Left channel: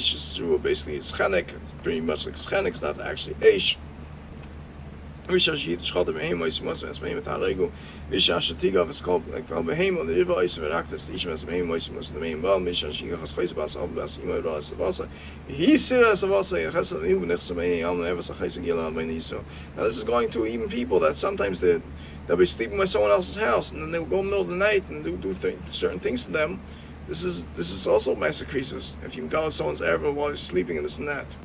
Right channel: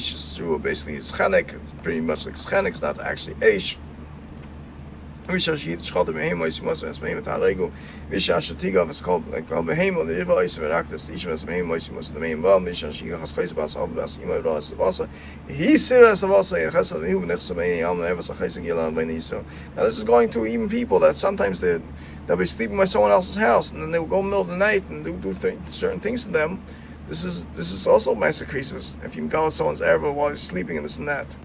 Eish Yisrael basically is Chenek. It's pretty much like Chenek. It's not actually Eish. It's called it's called like Behemoth, the river ice of Aractus, each of us the main bomb, Mishashi has place about Sabas, Imavasa, he serious of us, and has a new next to me, I'm never so Beniso. Now, this is going to even people that sometimes they'll be sleeping by someone else's house, and then they'll go in the middle of the night and do certain things to them. This is also massacres if you go someone's error while you're sleeping and this and that.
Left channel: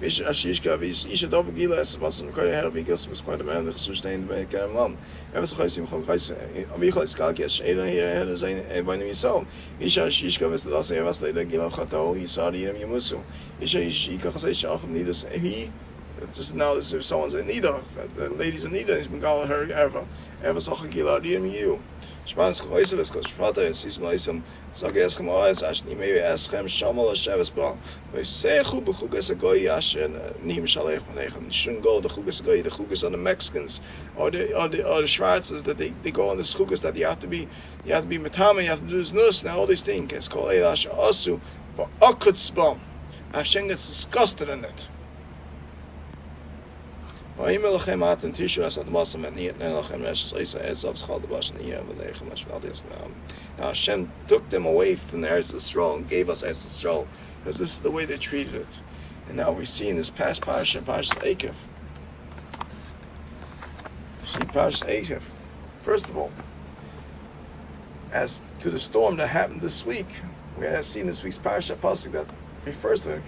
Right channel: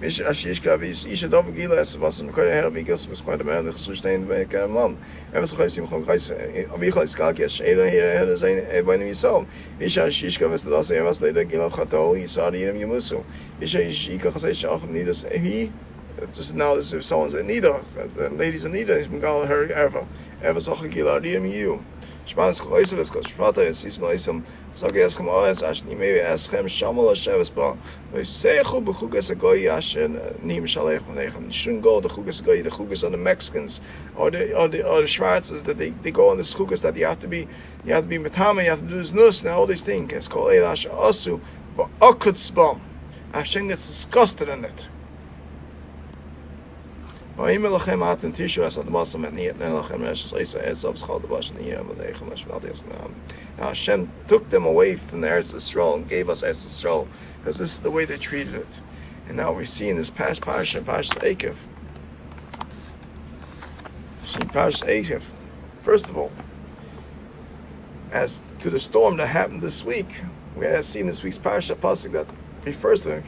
Ashishka is Isha Dov Gilas was in Korea Hervigas was quite a man that sustained by Karamam. Ever so high from Kais Michael Skakish, Eda here as a when we saw. Isha Shishka was the last year was later Gil Hato, Isari and Yamusu. Isha Shika Hasay need us he just now as if someone's in need of the ladies in need has been going her ever so Gilarium you. Spanish Koisovs, Koshvata, and Sismaism, Sagascom Eyes, Ashni, maybe ask him Shamal Shevesba. They say Hugas a goyash and Nim Shalech, and shouldn't go the Hugas on the Mexicans or the Schwarzes that they go on the Hugas that you have to be Matama, you have to do this nurse and all these things. It's called Elash Asu, but Akutzbom. Hashem gets disgusted in it. Now Hashem took them away from the Eretz Yisrael and gave us Eretz Yisrael because this is the way they treated it. And now we see in this past Parashah Eikev. First of all, as to the storm that happened this week, we have seen this week's Parashah Pasuk that refers to him.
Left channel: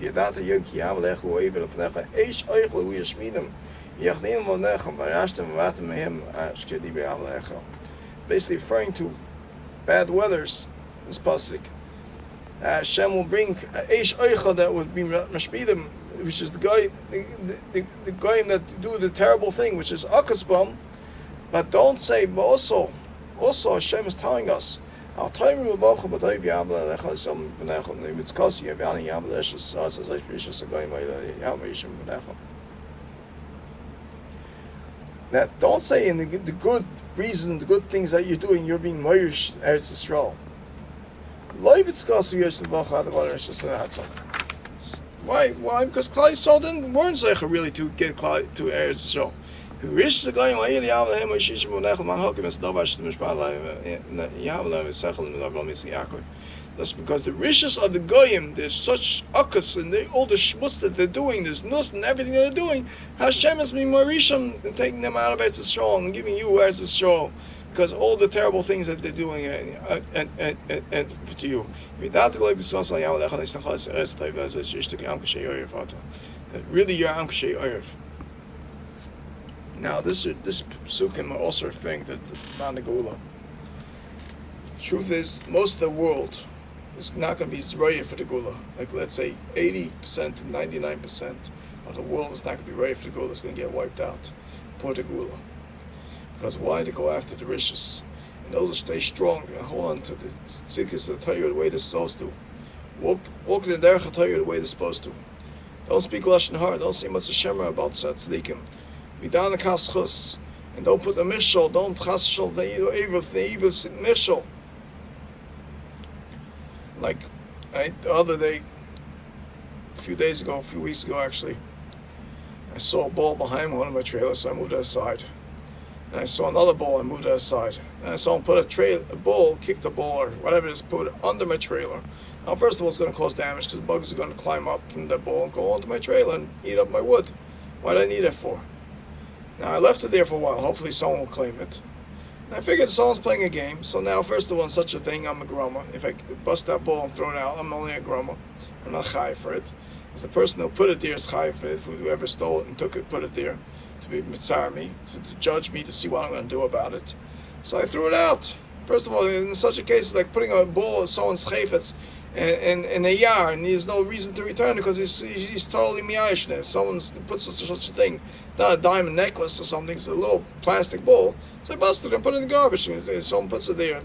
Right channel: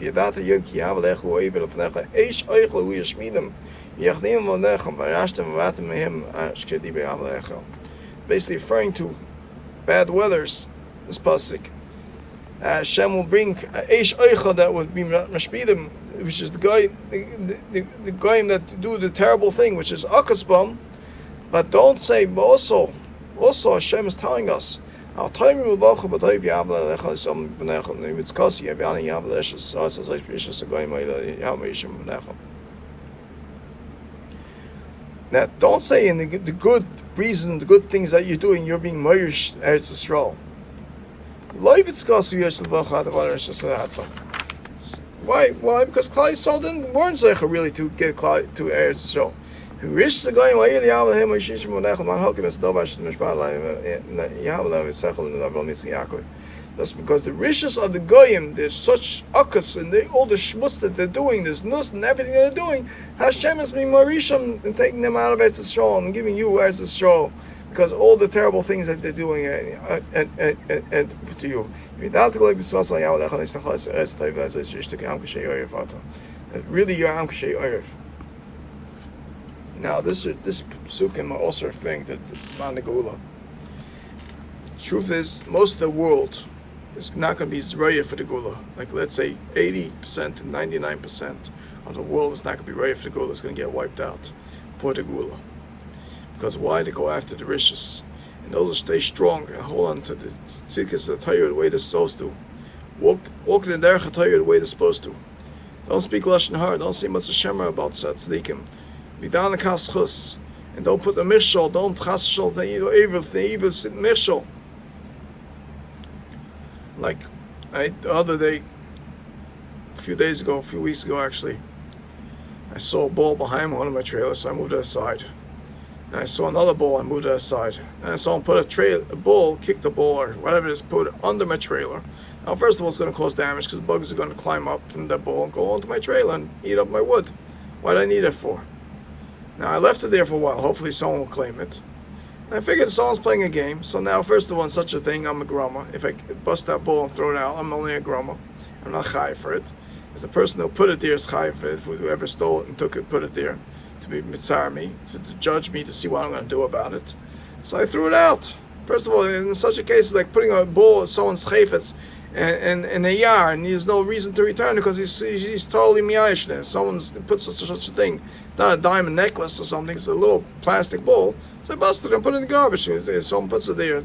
Basically referring to bad weathers, this pasuk. Hashem will bring Eish Eicha that would be Mashpidim, which is the guy that do the terrible thing, which is Akasbam. But don't say, but also Hashem is telling us. That don't say in the good reasons, the good things that you're doing, you're being Mirish Eretz Yisrael. Why? Because Klai Yisrael weren't Zeicha really to get to Eretz Yisrael. Rish the guy why the Yahweh him Shish Munach man Hakim is Davash the Mishpah Yahweh Sechel and Avram Yitzchak Yaakov. That's because the rishes of the goyim, there's such akas and all the shmutz that they're doing, this nus and everything that they're doing. Hashem has been marishim and taking them out of Eretz Yisrael and giving you Eretz Yisrael because all the terrible things that they're doing and to you. That really you're Am Kashay Oyev. Now, this psukim are also referring to the Tzman Negula. Truth is, most of the world is not going to be Zraya for the Gula. Like, let's say 80% to 99% of the world is not going to be Zraya for the Gula. It's going to get wiped out for the Gula. Because why? They go after the riches. And those will stay strong and hold on to the Sichas of the Torah the way they're supposed to. Walk the Derech Torah the way they're supposed to. Don't speak Lashon Hara. Don't say much Shemar about Tzaddikim. Vidan Kaschus, and don't put the mishal, don't chashal the evil mishal. Like the other day, a few weeks ago actually, I saw a ball behind one of my trailers, so I moved it aside. And I saw another ball, I moved it aside. And I saw him put a ball, kick the ball, or whatever it is, put it under my trailer. Now, first of all, it's going to cause damage because bugs are going to climb up from that ball and go onto my trailer and eat up my wood. What did I need it for? Now, I left it there for a while. Hopefully someone will claim it. And I figured someone's playing a game. So now, first of all, such a thing, I'm a grumma. If I bust that ball and throw it out, I'm only a grumma. I'm not chai for it. Because the person who put it there is chai for it. Whoever stole it and took it, put it there to be mitzar me, to judge me, to see what I'm going to do about it. So I threw it out. First of all, in such a case, like putting a ball in someone's chayfetz in a yard, and he has no reason to return it because he's totally miyash there. Someone's puts such a thing, not a diamond necklace or something, it's a little plastic ball. So I busted it and put it in the garbage. Someone puts it there,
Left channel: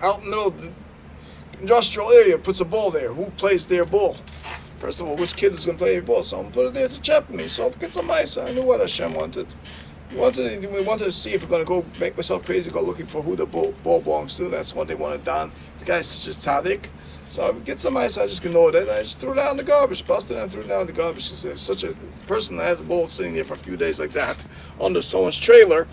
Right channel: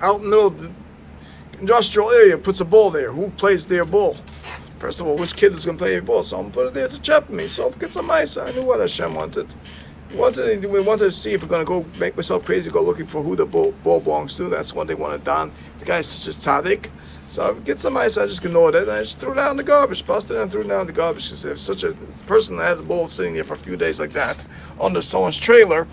out in the middle of the industrial area, puts a ball there. Who plays their ball? First of all, which kid is going to play a ball? Someone put it there to chop me. So get some ice. I knew what Hashem wanted. We wanted to see if we're going to go make myself crazy, go looking for who the ball belongs to. That's what they wanted done. The guy's just tzaddik. So get some ice, I just ignored it. I just threw it out in the garbage, busted it and threw it down in the garbage. Because if such a person that has a bowl sitting there for a few days like that under someone's trailer,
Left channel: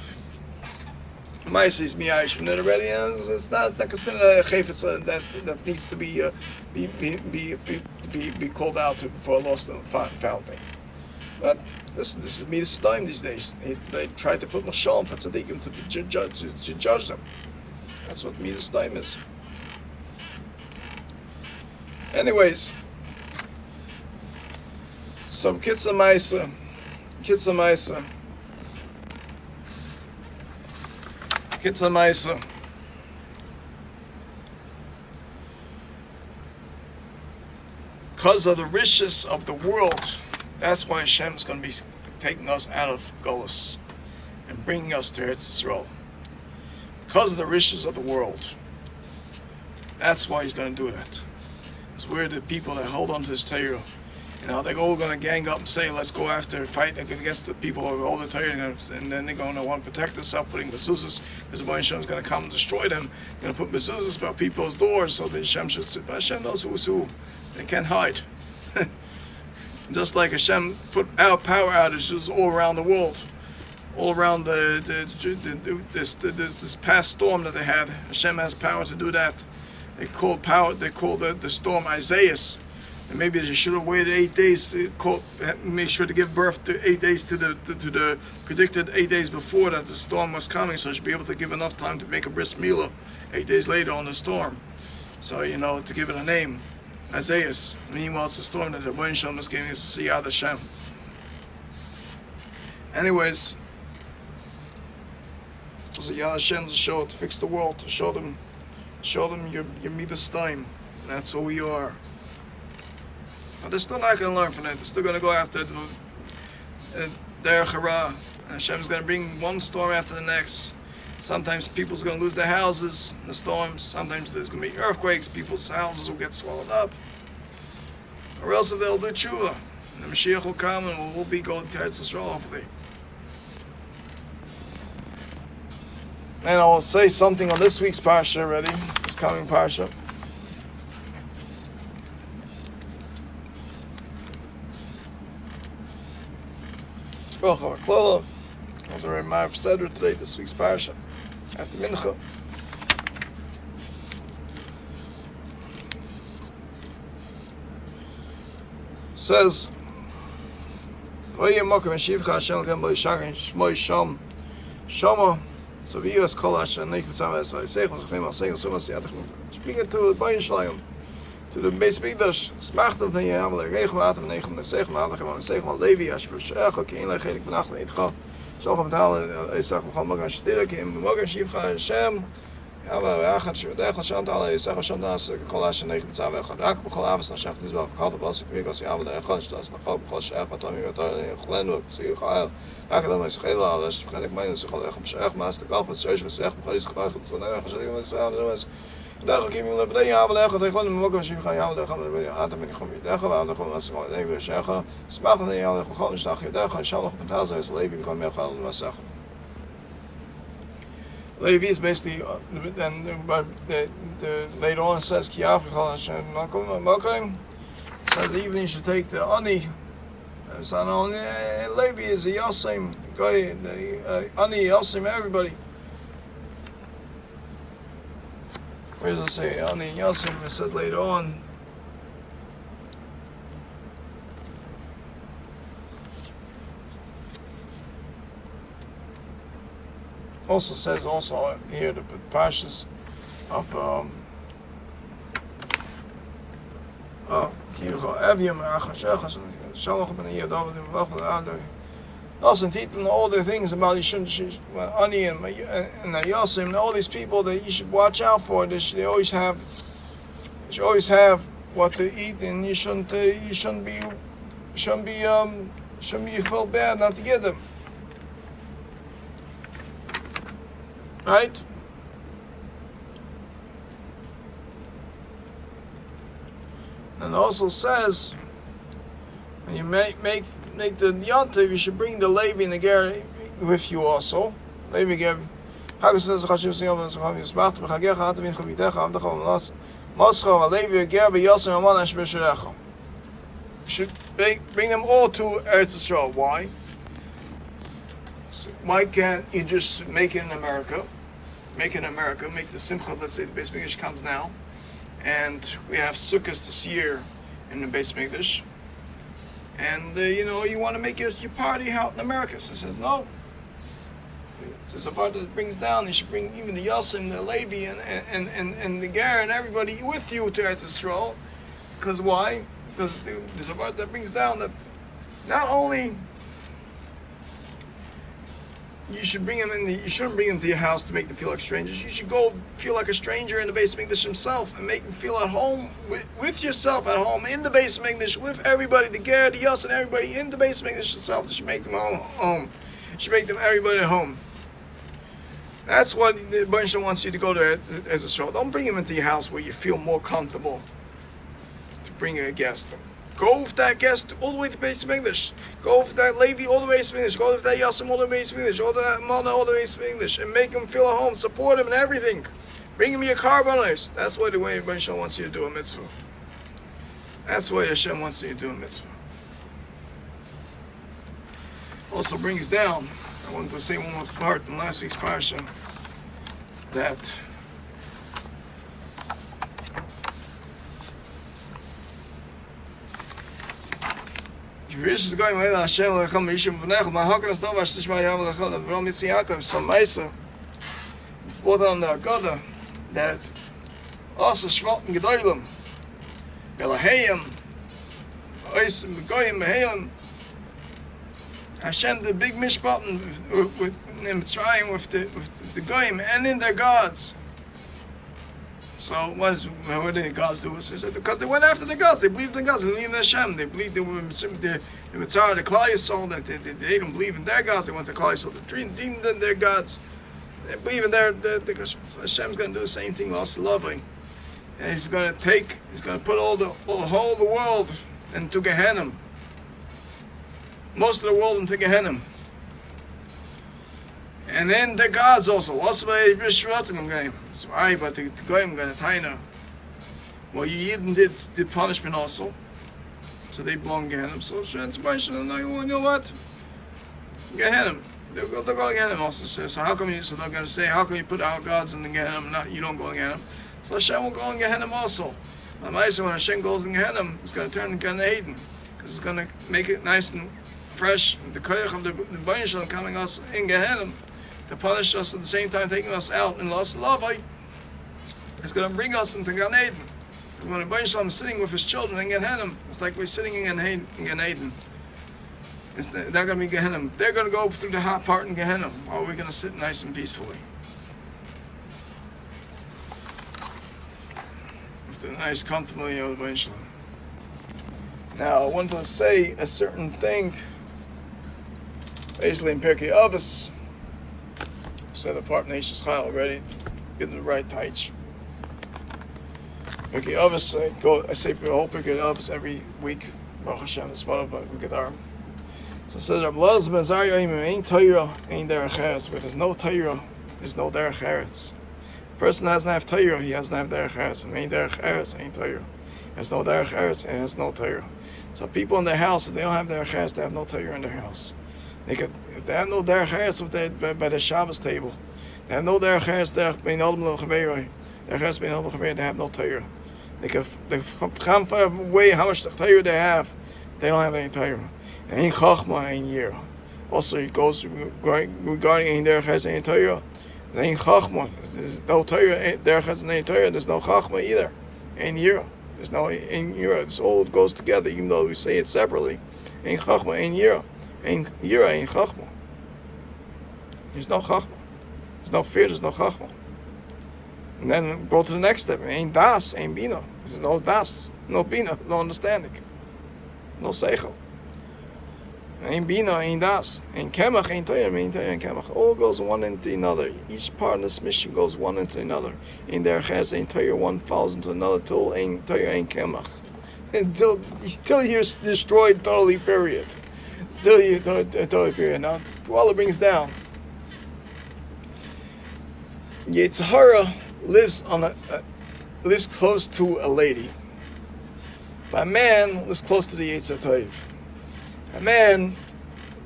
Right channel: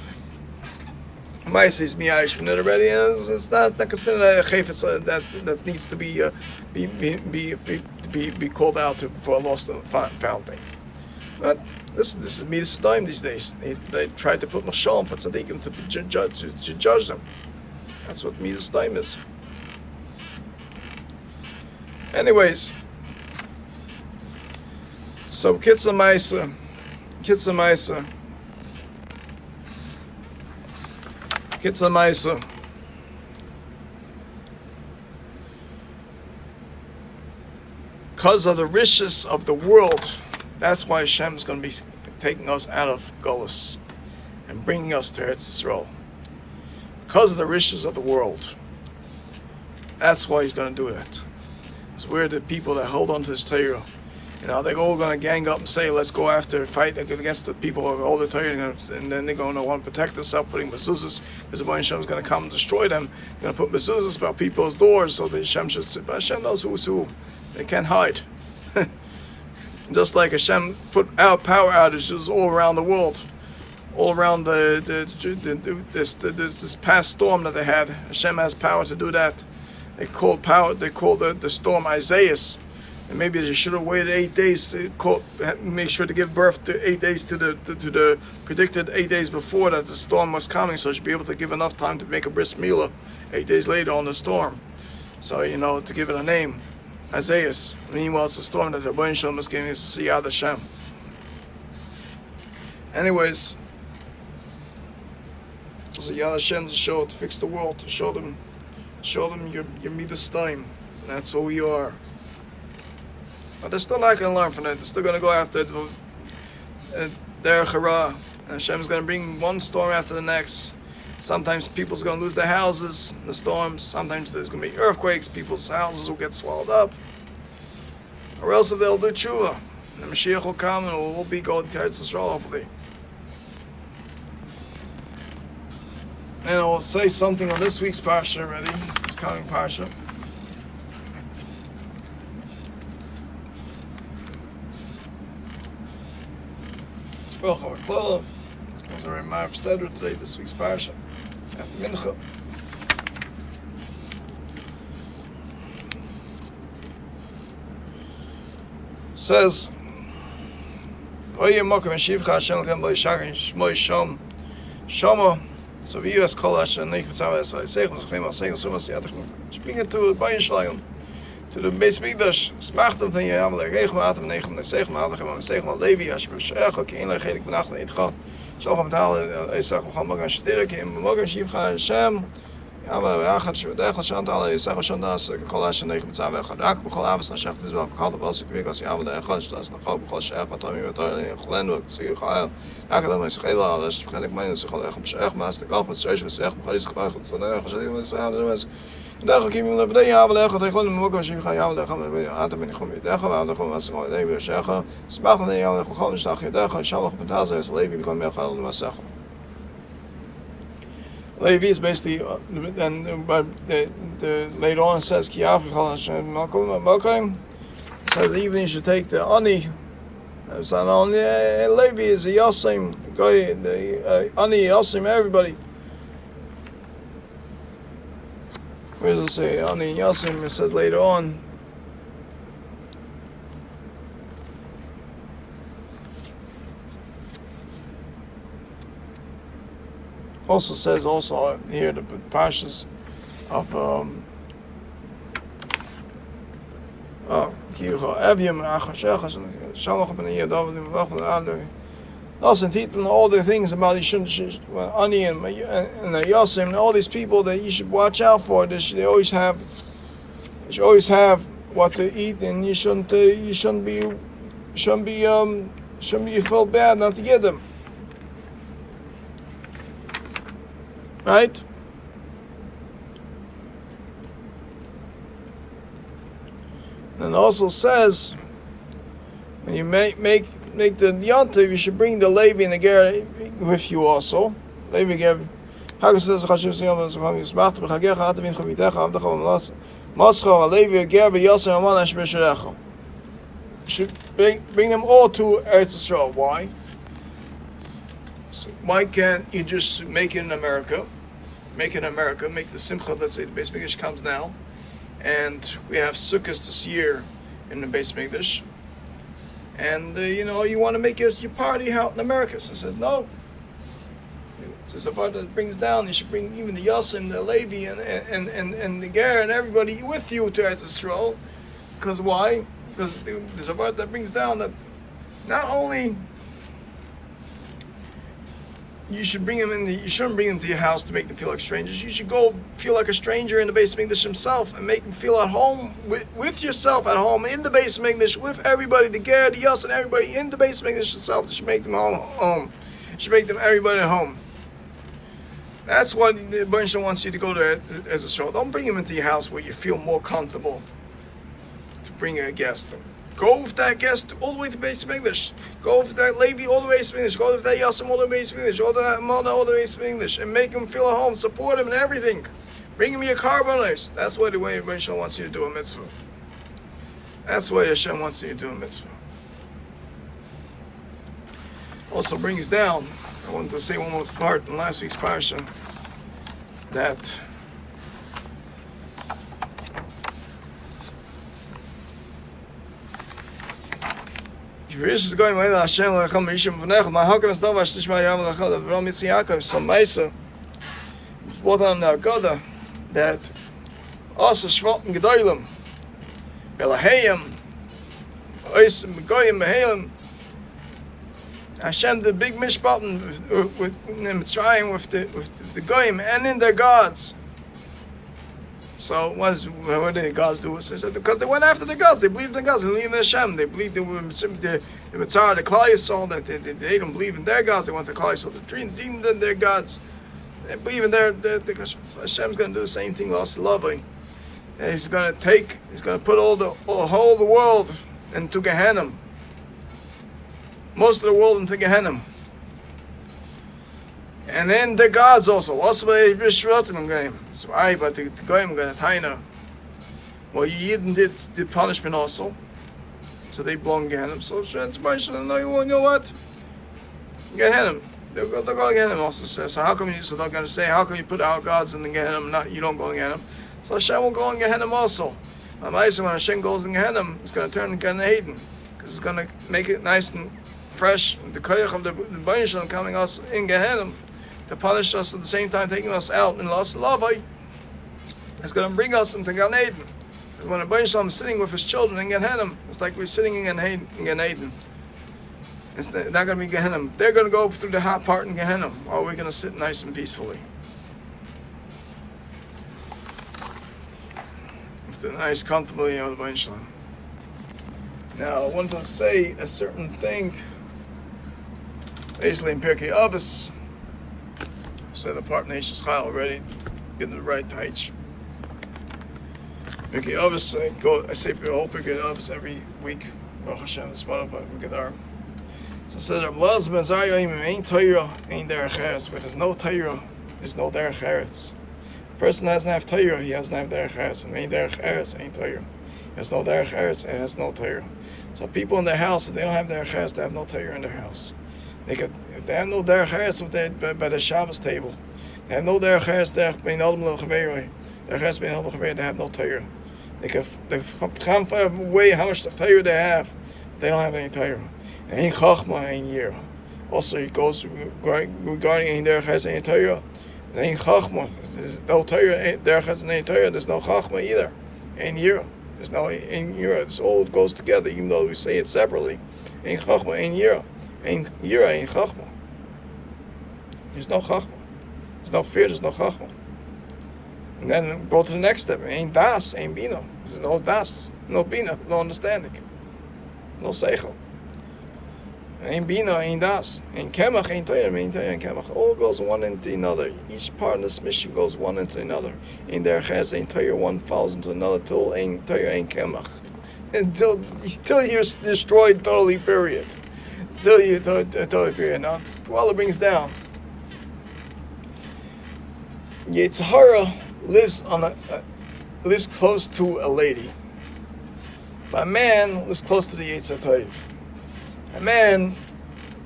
mice is miyaish from it already, and it's not considered a chayfetz that needs to be called out for a lost found thing. But this is midas time these days. They tried to put mashal for tzaddikim to judge them. That's what midas time is. Anyways, so Kitza Maisa, because of the riches of the world, that's why Hashem is going to be taking us out of Golus and bringing us to Eretz Yisrael. Because of the riches of the world, that's why He's going to do that. We're the people that hold on to this Torah. They're all going to gang up and say, let's go after, fight against the people who hold the Torah, and then they're going to want to protect themselves, putting mezuzahs, because the Baruch Hashem is going to come and destroy them. They're going to put mezuzahs about people's doors, so that Hashem should sit. But Hashem knows who's who. They can't hide. Just like Hashem put out power outages all around the world, all around this past storm that they had. Hashem has power to do that. They called the storm Isaiah, and maybe they should have waited 8 days to make sure to give birth to 8 days to the predicted 8 days before that the storm was coming, so they should be able to give enough time to make a bris milah 8 days later on the storm. So to give it a name, Isaiah. Meanwhile, it's a storm that the Baruch Hashem is getting us to see out of Hashem. Anyways, the Yad Hashem to fix the world, to show them your midas time. That's who we are. But they're still not going to learn from it. They're still going to go after their hara. And Hashem's going to bring one storm after the next. Sometimes people's going to lose their houses in the storms. Sometimes there's going to be earthquakes. People's houses will get swallowed up. Or else if they'll do tshuva, the Mashiach will come and we'll be going to Eretz Yisrael hopefully. And I will say something on this week's parsha already, this coming parsha. As I remind Cedric today, this week's parsha, after Mincha. Says, so we use kol Hashem neich mitzvah esay seichos chem al seichos sumas yadachim. Speaking to the Bayin Shlayim, to the Beis Mikdash, smachtem ten yam leregem atem neichem nesegem adachem and segem Levi as beshecho kein legelik benach leitcha. So gaan betalen Isaac gaan we gaan studeren in morgen shiv ga Hashem. Ja, we gaan shudach Hashem talen Isaac Hashem das kol Hashem neich mitzvah gaan rak bechol avos nashach dis ba gaat was ik as ja de gaan das nach op kol shach atam mit glen wat sie ga ja dan is geel alles begin ik mijn zich al echt shach maar de kaf wat zoals gezegd is gevaarlijk van dan gezegd met samen daar ik hem naar beneden halen leggen tegen hem morgen shiv ga ja dan gaan we atem met gewoon weer daar gaan we gewoon als gewoon even zeggen smaak dan ja gewoon een dagje daar gaan shalom betalen is leven gewoon meer gaan dan zeggen. Levi is basically, and later on it says Ki Africhal Hashem Makom. So the evening you should take the ani. So not only Levi is a Yasim guy, the ani Yasim everybody. Where does it say ani Yasim? It says later on. Also says here the parshas of all the things about Ani and Yasim and all these people that you should watch out for. They should always have what to eat, and you shouldn't be felt bad not to get them. Right? And it also says when you make the yontiv, you should bring the Levi and the Ger with you also. Levi Ger. Hagas says Chashiv Siyam and Zucham Yismach B'Chagecha Atavin Chavitecha Avdecha Should bring them all to Eretz Yisrael. Why? So why can't you just make it in America? Make it in America. Make the Simcha. Let's say the Beis Mikdash comes now, and we have Sichas this year in the Beis Mikdash. And you want to make your party out in America. So I said no. There's a part that brings down. You should bring even the Yosim, the Levi, and the Ger and everybody with you to Eretz Yisrael. Because why? Because there's a part that brings down that not only you should bring them you shouldn't bring them to your house to make them feel like strangers. You should go feel like a stranger in the Beis Mikdash himself and make them feel at home with yourself at home in the Beis Mikdash with everybody, the Ger, the Yos, and everybody in the Beis Mikdash itself. You should make them home. You should make them everybody at home. That's what the Baruch wants you to go to as a show. Don't bring them into your house where you feel more comfortable to bring a guest. Go with that guest all the way to Beis Mikdash. Go with that Levi all the way to Beis Mikdash. Go with that Yasim all the way to Beis Mikdash. Go to that Mona all the way to Beis Mikdash. And make them feel at home. Support them and everything. Bring them your carboners. That's what the way Baruch wants you to do a mitzvah. That's what Hashem wants you to do a mitzvah. Also brings down, I wanted to say one more part in last week's parsha, that that also Shvatim Gedolim, Belahayim, Oisim Goyim Behayim, Hashem the big mishpat with Mitzrayim with the Goyim and in their gods. So what did the gods do? So said, because they went after the gods. They believed in gods. They believed in Hashem. They believed they were the Mitzar, the Klal Yisrael. That they didn't believe in their gods. They want the Klal Yisrael to treat their gods. They believe in their so Hashem's going to do the same thing. Also lovely. And He's going to put all the whole of the world into Gehenna. Most of the world into Gehenna. And then the gods also. What's why Bishrotim game? So I but the Goyim going to Taina. Well, you Yidden did punishment also. So they belong Gehenna. So it's no, you know what? Gehenna. They'll go to Gehenna also. So how come so they're going to say, how come you put our gods in the Gehenna, not you don't go in Gehenna? So Hashem will go in Gehenna also. When Hashem goes in Gehenna, it's going to turn into Gan Eden. Because it's going to make it nice and fresh. The koyach of the Baruch coming us in Gehenna to punish us at the same time taking us out in Las Lavai. It's going to bring us into Gan Eden. And when the Baruch is sitting with his children in Gehenna, it's like we're sitting in Gan Eden. It's not going to be Gehenna. They're going to go through the hot part in Gehenna while we're going to sit nice and peacefully. With the nice, comfortably out of Baruch. Now, I want to say a certain thing. Basically, in Pirkei Avos, said the part nation's chayil already, get the right taich. Pirkei Avos, I say the whole Pirkei Avos every week. Baruch Hashem, it's one of the Gedar. So it says, "Rablaz ben Zariah ain't Torah, ain't derech eretz." But there's no Torah, there's no derech eretz. A person doesn't have Torah, he doesn't have derech eretz. And ain't derech eretz, ain't Torah. There's no derech eretz, and there's no Torah. So people in their house, if they don't have derech eretz, they have no Torah in their house. If they have no derech eretz by the Shabbos table, they have no derech eretz derech bein adam lo chaveroi. Derech eretz bein adam lo chaveroi, they have no Torah. They come far away how much Torah they have. They don't have any Torah. Ain't chachma, ain't yira. Also, it goes regarding ain't derech eretz, ain't Torah. Ain't chachma. There's no Torah. Derech eretz, ain't Torah. There's no chachma either. Ain't yira. There's no ain't yira. This all goes together, even though we say it separately. Ain't chachma, ain't yira. Ain't yira, ain't chachma. There's no chachma. There's no fear, there's no chachma. And then go to the next step. Ain't das, ain't bina. There's no das, no bina, no understanding. No seichel. Ain't bina, ain't das. Ain't kemach, ain't Torah, ain't Torah, ain't kemach. All goes one into another. Each part of this mission goes one into another. Ain't derech eretz, ain't Torah, one falls into another till ain't Torah, ain't kemach. Until you're destroyed totally, period. Until you totally period. Now, Kabbalah brings down. Yetzirah lives on lives close to a lady. But a man lives close to the Yetzer Tov. A man,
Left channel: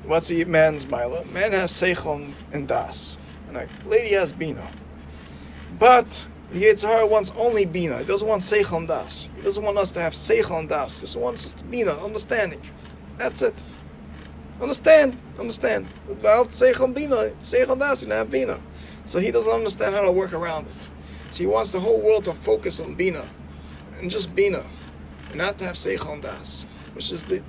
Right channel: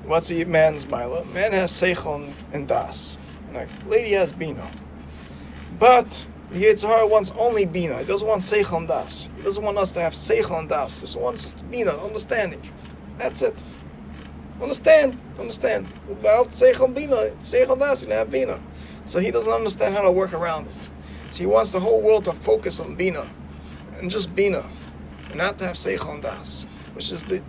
what's a man's mila? Man has seichel and das. And a lady has bina. But the Yetzer Hara wants only bina. He doesn't want seichel and das. He doesn't want us to have seichel and das. He just wants us to bina, understanding. That's it. Understand. Without seichel and bina, seichel and das, you don't have bina. So he doesn't understand how to work around it. So he wants the whole world to focus on bina. And just bina. And not to have seichel and das. Which is the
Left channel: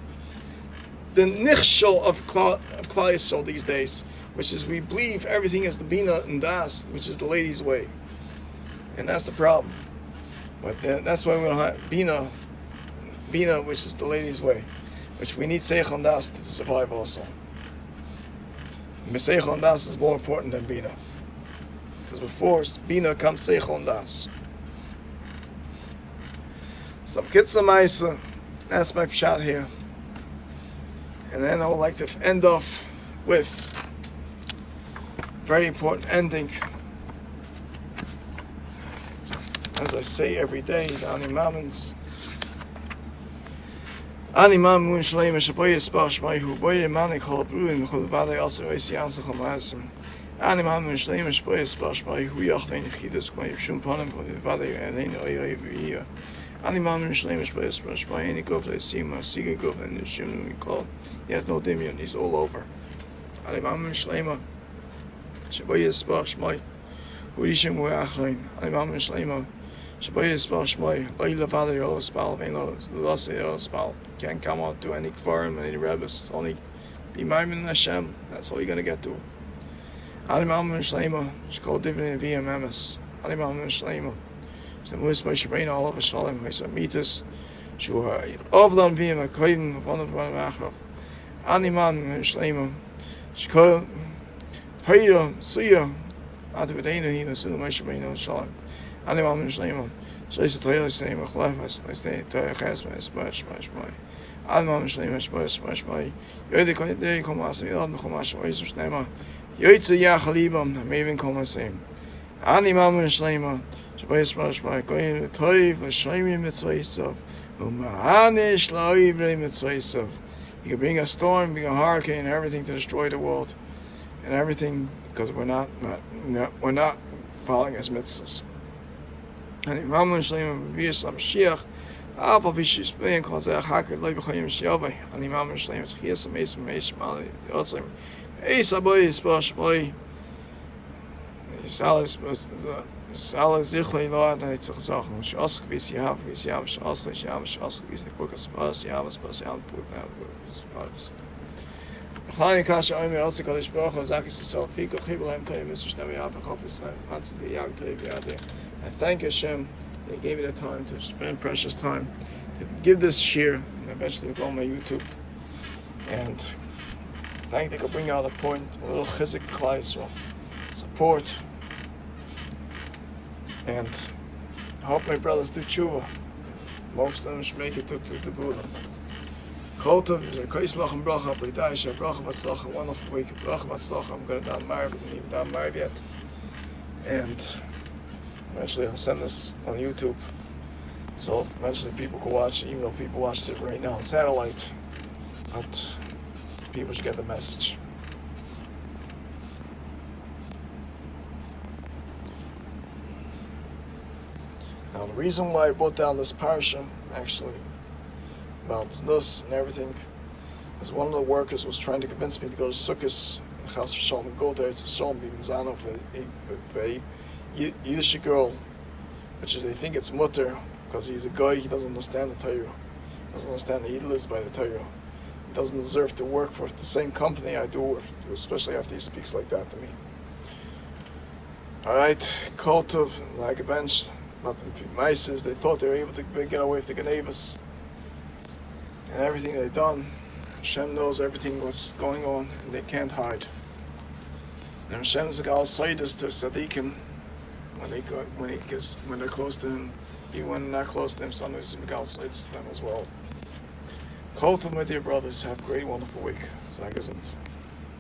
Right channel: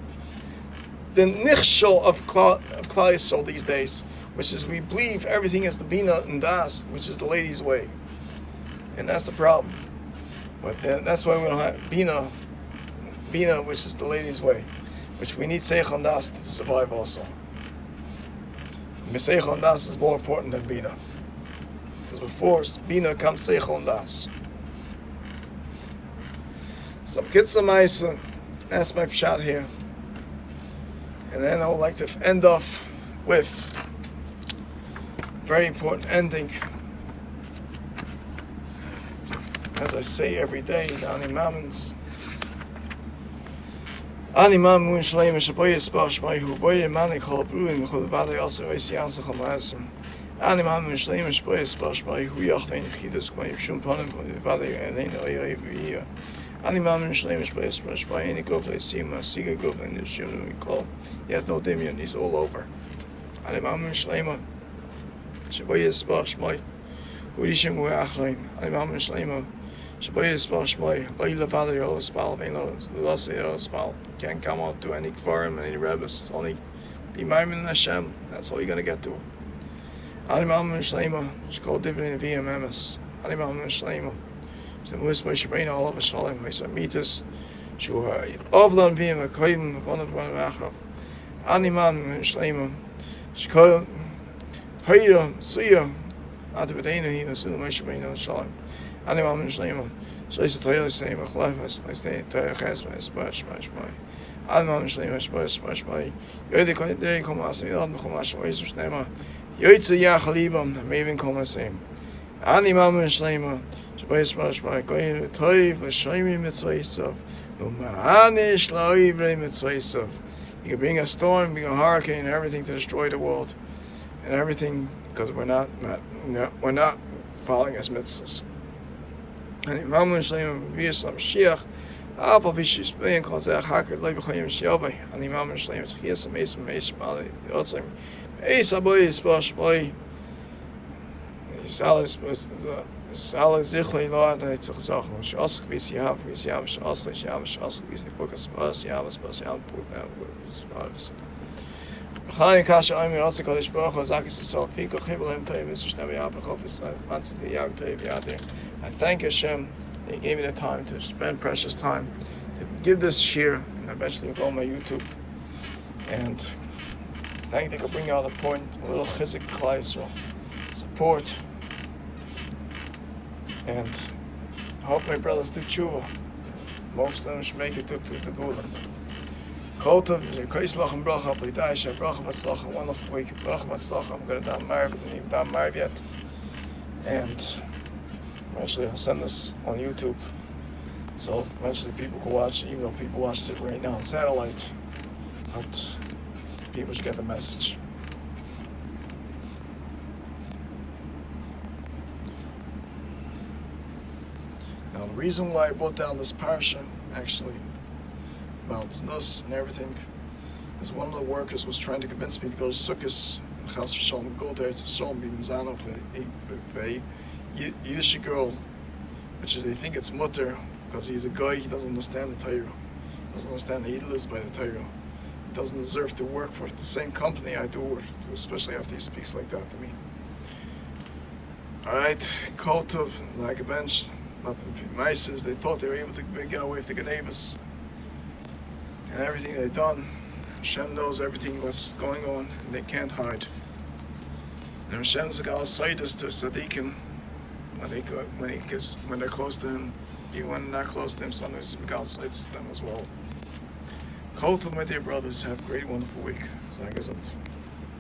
nichshel of Klal Yisrael these days. Which is we believe everything is the bina and das, which is the lady's way. And that's the problem. But that's why we don't have bina, which is the lady's way. Which we need seichel and das to survive also. Seichel and das is more important than bina. Because before bina comes seichel and das. Some kitzah ma'isa. That's my shot here. And then I would like to end off with a very important ending. As I say every day, the Ani Mamons. Ani Mamun Shleim Shaboy Spash by who boy Mani called Bruin, who the valley also is Yans of Hamasm. Ani Mamun Shleim Shaboy Spash by who Yacht and Hidus by Shumpanim, who the valley and then every year. Ani Mamun Shleim Shaboy Spash by any gov I see my Siga gov and the Shim we call. He has no dimion, he's all over. Ani Mamun Shleim Shaboy Spash by who Rishim Wachlein. Ani Mamun Shleim. Shaboy Spash by Laila Valley or Spal, Venos, the Lost Spal. Can't come out to any kfarim, any rebbes. It's only be Maimin Hashem. That's all you're gonna get to. Ali Mamun Shleima, she called dividend via Memes. Ali Mamun Shleima. So Mus by Shabrina all of a Shalom, I said Mitas. Shua Ovlan via Makoim, one of one Machrov. Ali Mamun Shleima. She called Haida Suya. Atavidena, he was in the Shabrina Shalom. Ali Mamun Shleima. So it's a toilet saying, Machlafas, nice day, Toyachas, smash, Ali Mamun Shleima, smash, Yodi Konde, Komas, Yod, Komas, Oisus Nema, Yoitza Yachalibam, Maven Komasim. Ali Mamun Shleima, smash, going to Toiv, Lashaimi Mitzvaisov, Umahanish Laibre Mitzvaisov. You can bring a storm, bring a hurricane, everything to destroy the world. And everything, because we're not following his mitzvahs. And Mamun Shleima V'Yislam Mashiach, Alpa V'Shis Bein Kol Zeh Hakar Loi B'Chayim Shiyovei. And Mamun Shleima Tchias Amesim Amesim Ali Yotzim Eis Aboy Yisposh Boy Yisalis Zichlei Lo Adonai Tzach Zach Shask V'Yis Yav V'Yis Yav Shask V'Yis Yav Shask V'Yis Nekukas Bas Yav Bas Yav Put Yav Chani Kasha Omer Otzi Kodesh Baruch Hu Zakis Yisrael Piko Chibel Hem Toyim Mr. Shnei Yav B'Chofis Matzah Yav Toyim Yadir. I thank Hashem that He gave me the time to spend precious time to give this shir, and eventually go on my YouTube. And thank you for bringing out a point, a little chizik to Klal Yisrael, support, and I hope my brothers do tshuva. Most of them should make it to the Gula. Koltov, Kaislach and Bracha, Plitaish, Bracha Matzlach, wonderful week, Bracha Matzlach. I'm going to down married, but I'm even down married yet. And eventually I'll send this on YouTube. So eventually people can watch it, even though people watched it right now on satellite. But people should get the message. Now the reason why I brought down this parsha, actually, about this and everything, is one of the workers was trying to convince me to go to Sichas and Chas V'Shalom, go there to Shalom, be Mizano for a Yiddish girl, which is they think it's mutter because he's a guy. He doesn't understand the Torah, doesn't understand the Yiddish by the Torah. He doesn't deserve to work for the same company I do, especially after he speaks like that to me. All right, Koltov, like a bench, not the mices. They thought they were able to get away with the Genevas and everything they've done. Hashem knows everything what's going on, and they can't hide. And Hashem's gal side is to Sadiqim. When they're close to him, even when they're not close to him, sometimes the gal sides to them as well. Call to my dear brothers, have a great, wonderful week. Thank you.